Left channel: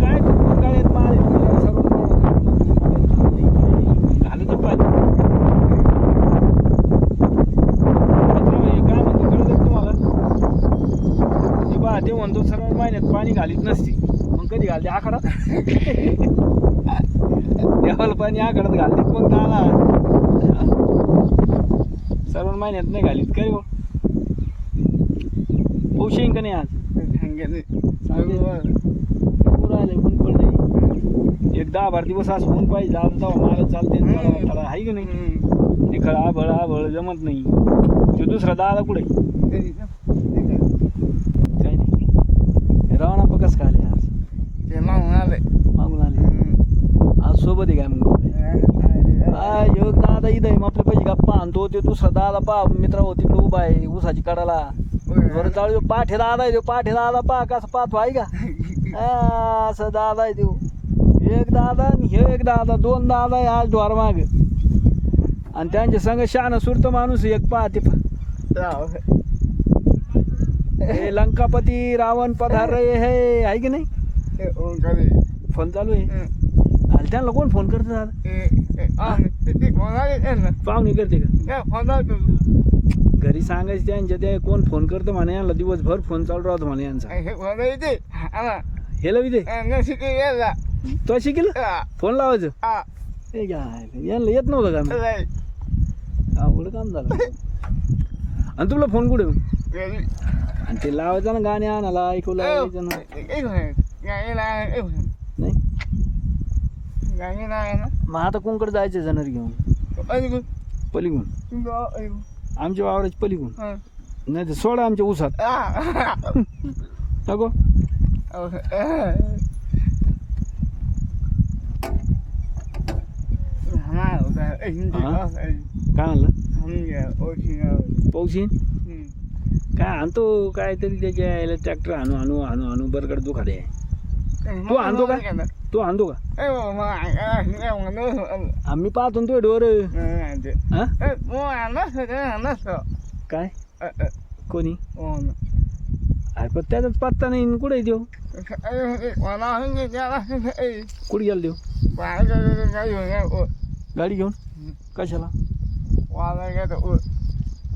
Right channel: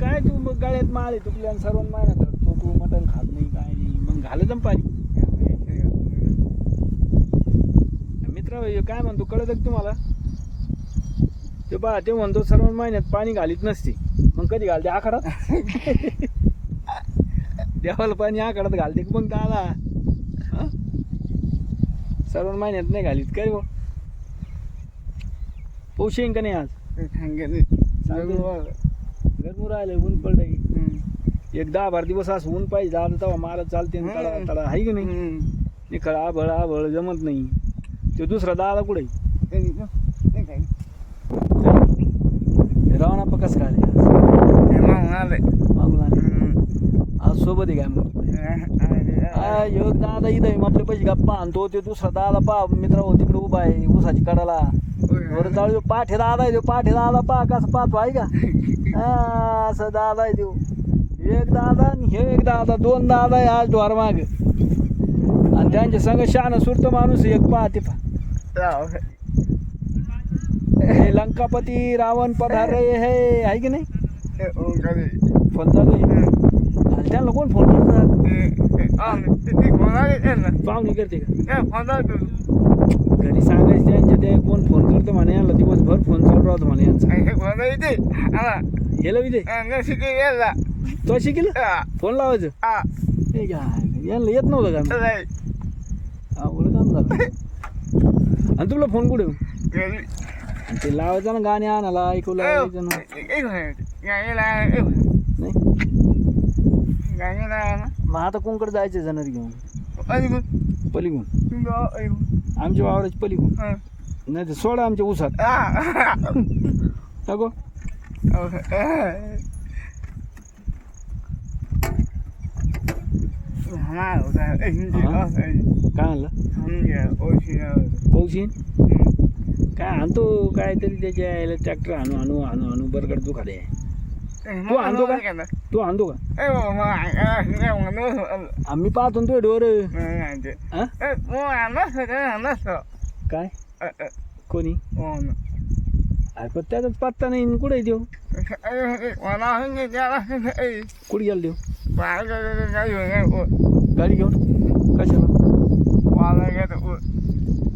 काय तू गळ्यात माल आहे तुला सर्व मटण खात नाही काय नाही घालत पाहिजे काय म्हणतो कळत तुम्हाला ते बा ते म्हणतो सर्व महिन्यात पाणी घालीत नसते मग कधी घालते आखाडात देवाला पाणी आखाडात घालते मग दादा सर्व महिन्यात नाही घालीत काय हो पाऊस येईन का नाही आज राहिले ऊन पडले एक 10-12 दिवस असं ऊन पाहिजे आता तेव्हा मारत चालते तडा आहे की नाही ते खरं आभळ आभळ जमत नाही तो दुसरा दादा कुठे रावणा पकस का आले मागून आले आज सोबत आहे काय मग योग दादा इथं आहे आपले पैसे गप्पा आणतो ते दुसरा दादा पा मित्र हो तिकडे उभा आहे ऊसाची कडाला बरं चालू पाठे दादा आहे तो पाठे दादा पा कसं पाहतो आहे का असं दादा आहे तो एक दादा आणि हे एक दादा 2 दादा आहे आज द्वार माग आणि त्यांच्या संग शान सुरत माणूस एक पाहते हे लंकापती रावण पधार रहे है आहे की नाही फोन चालू आहे त्यांना कोण फोन करतात पाहुणे करते का घरी सांगायचं त्यांच्या ते कोण फोन करतो म्हणे यांना दिवसभर फोन चालू राहतो म्हणे यांचा हेला विदे तो शिकेल फोन लावायचं हे काय यांना येत नव्हतं का आवड काम झालं आणि तुला फोन कुठे आणि ते लावायचं ना गाणे आणायला ऐकू लावायचं नाही मग आता कोणकडे जायचं जाणार घेऊन पलीकडून आमच्या वावराची पलीकडून नाही तर सोडा आमच्या ऊसात नको काय म्हणलं पाऊस काय आणतो काहीतरी त्याच्या यायला ट्रॅक्टर आणू आणू आणू आणू बरगड दुखाले तू आणतो का तू आणतो का आम्ही पाहतो तो डोर काय कोणी अरे पण त्याचाच पत्ता नाही कुठे देऊ कुठे गेला देऊ गाडी घेऊन कशाला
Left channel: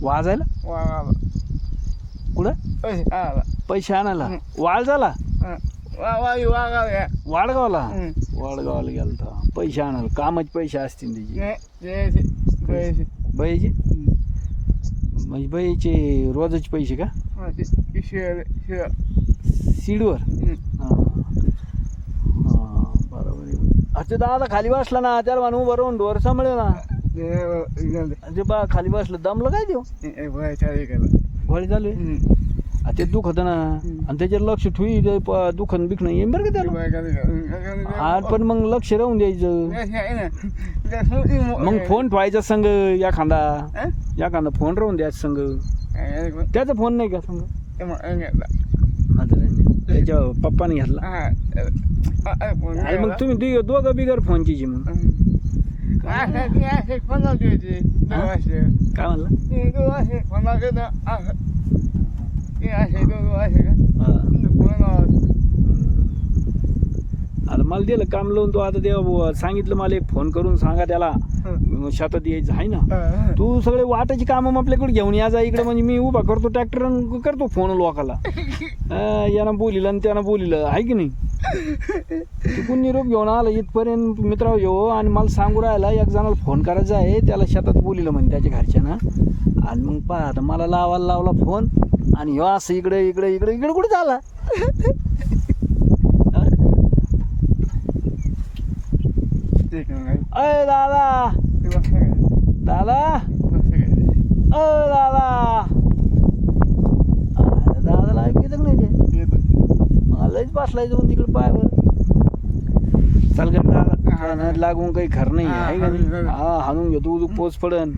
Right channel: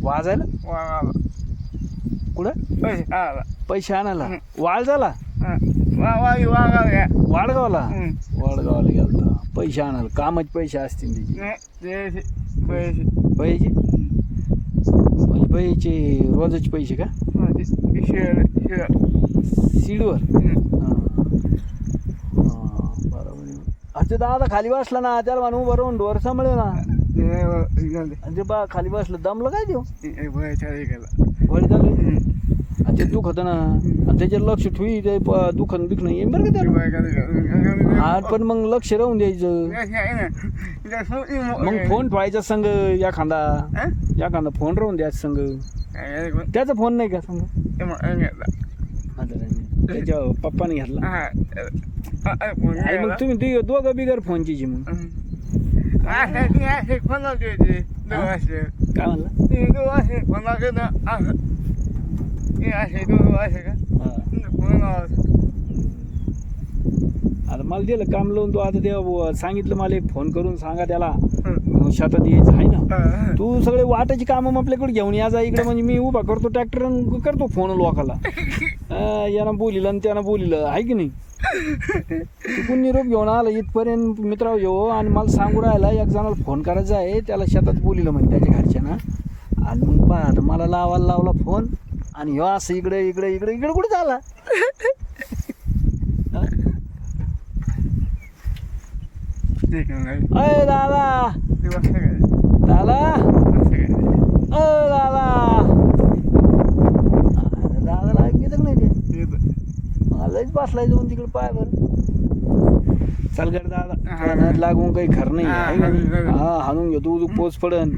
वाजायला कुठं पैसे आणायला वाळ झाला वाडगावला वाडगावला गेला पैसे आणायला कामाचे पैसे असतील त्याचे बैचे म्हणजे बैचे रोजाचे पैसे का सीडवर बरोबर अच्छा दादा खाली बसला ना त्याला म्हणून बरोबर डोर सांभाळलं ना ते बा खाली बसलं दमलं काय देऊ भळ झालं ते दुखत ना आणि त्याच्यावर लक्ष ठेवी ते दुखन बिखणं येईन बरं का त्याला हा पण मग लक्ष राहून द्यायचं मग फोन ठेवायचा संग एखादा फोन राहून द्यायचा संग त्याचा फोन नाही का संग त्याच्या पप्पाने घेतला मग तुम्ही दोघं बिगर फोनची मग काय म्हणला आता मला दिलं काम लावून तो आता ते सांगितलं मला एक फोन करून सांगा त्याला शेतात यायचं आहे ना तू सगळे वाटाची कामं आपल्याकडे घेऊन या जा इकडे म्हणजे मी उभा करतो ट्रॅक्टर करतो फोन लोकाला यानं बोलिलं आणि त्यानं बोलिलं आहे की नाही तिकून निरोप घेऊन आला इथपर्यंत मित्राव येऊ आणि मला सांगू राहिला एक जणाला फोन करायचा आहे त्याला शेतात बोलिलं म्हणजे त्याच्या घरच्यांना आणि मग पहा आता मला लावला फोन आणि ह्यो असं इकडे इकडे इकडे इकडे कुठे झाला अय दादा दादा अ दादा दादाला ऐकू येतं नाही ते मलाच बसलाय जाऊन तिकडे पाय बरं चाल कर दादा लागून काही खरं नाही आहे का नाही हा हाणून घेतो पोच पडन